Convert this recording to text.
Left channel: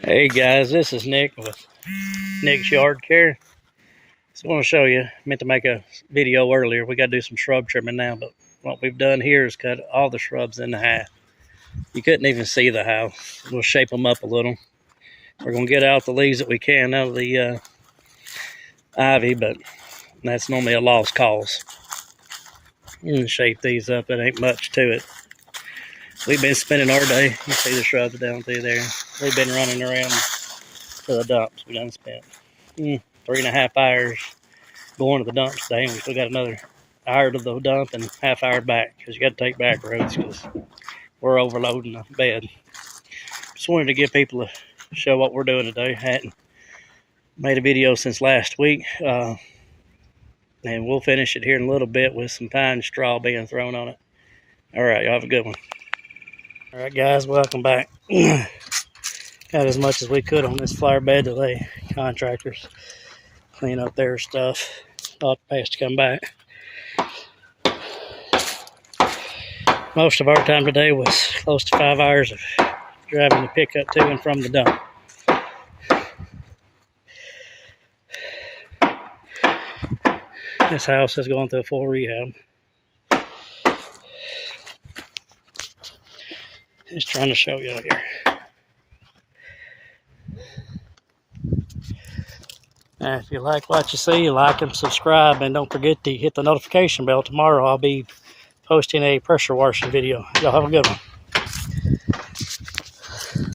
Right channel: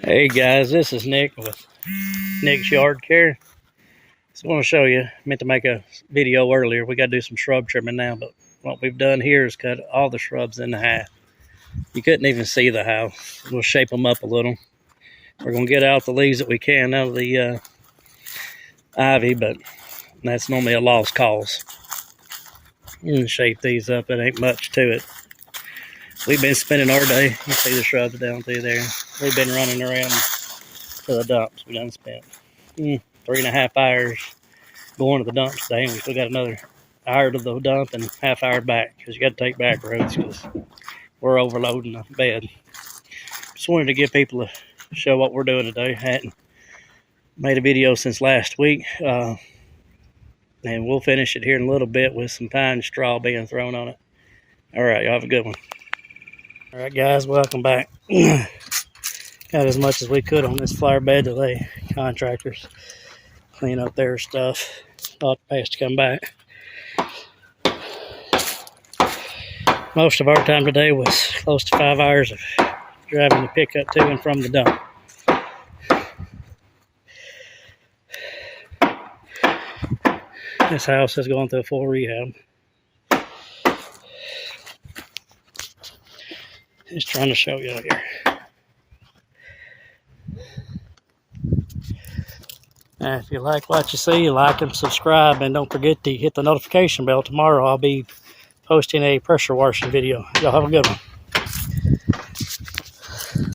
Hey guys, this is Nick with Nick's Yard Care. So I want to show you, I meant to make a video earlier. We got to do some shrub trimming now, but what we've done here is cut all the shrubs in half. You couldn't even see the house. We'll shape them up a little. We're going to get out the leaves that we can out of the ivy, but that's normally a lost cause. You can shape these up, it ain't much to it. We've been spending our day, you see the shrubs down through there. We've been running around to the dumps. We done spent 3.5 hours going to the dumps today. We still got another hour to the dump and half hour back because you got to take back roads because we're overloading the bed. Just wanted to give people a show what we're doing today. Hadn't made a video since last week. And we'll finish it here in a little bit with some pine straw being thrown on it. All right, y'all have a good one. All right, guys, welcome back. Got as much as we could on this flower bed today. Contractors clean up their stuff. Thought best to come back. Most of our time today was close to 5 hours of driving the pickup to and from the dump. This house is going through a full rehab. Just trying to show you out here. Now, if you like what you see, like and subscribe, and don't forget to hit the notification bell. Tomorrow I'll be posting a pressure washing video. Y'all have a good one.